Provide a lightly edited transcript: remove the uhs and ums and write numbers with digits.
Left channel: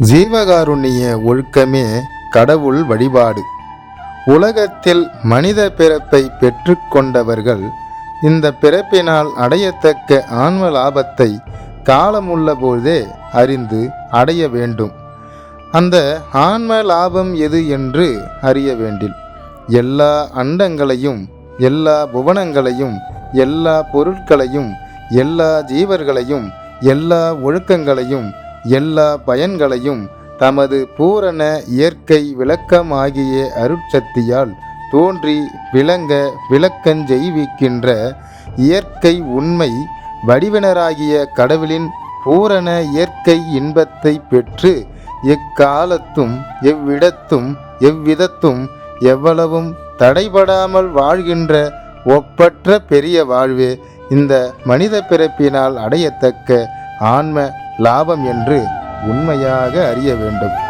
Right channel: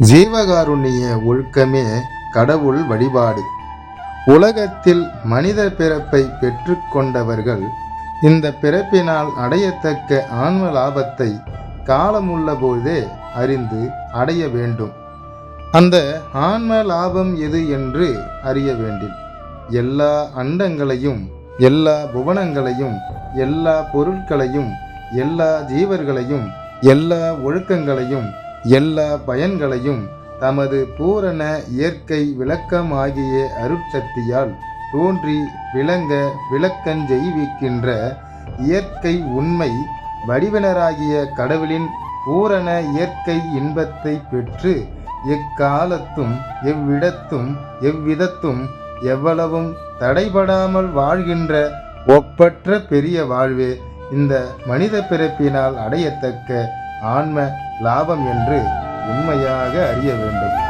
ஜீவகாருண்ய ஒழுக்கமே கடவுள் வழிபாடு. உலகத்தில் மனித பிறப்பை பெற்றுக்கொண்டவர்கள் இந்த பிறப்பினால் அடையத்தக்க ஆன்ம லாபத்தை காலமுள்ள போதே அறிந்து அடைய வேண்டும். அந்த ஆன்ம லாபம் எது என்று அறிய வேண்டில் எல்லா அண்டங்களையும், எல்லா புவனங்களையும், எல்லா பொருட்களையும், எல்லா ஜீவர்களையும், எல்லா ஒழுக்கங்களையும், எல்லா பயன்களையும் தமது பூரண இயற்கை விளக்கமாகிய அருட்சக்தியால் தோன்றி விளங்க விளக்கஞ்செய்விக்கின்ற இயற்கை உண்மை வடிவினராகிய கடவுளின் பூரண இயற்கை இன்பத்தை பெற்று எக்காலத்தும் எவ்விடத்தும் எவ்விதத்தும் எவ்வளவும் தடைபடாமல் வாழ்கின்ற ஒப்பற்ற பெரிய வாழ்வே இந்த மனித பிறப்பினால் அடையத்தக்க ஆன்ம லாபம் என்று உண்மையாக அறிய வேண்டும்.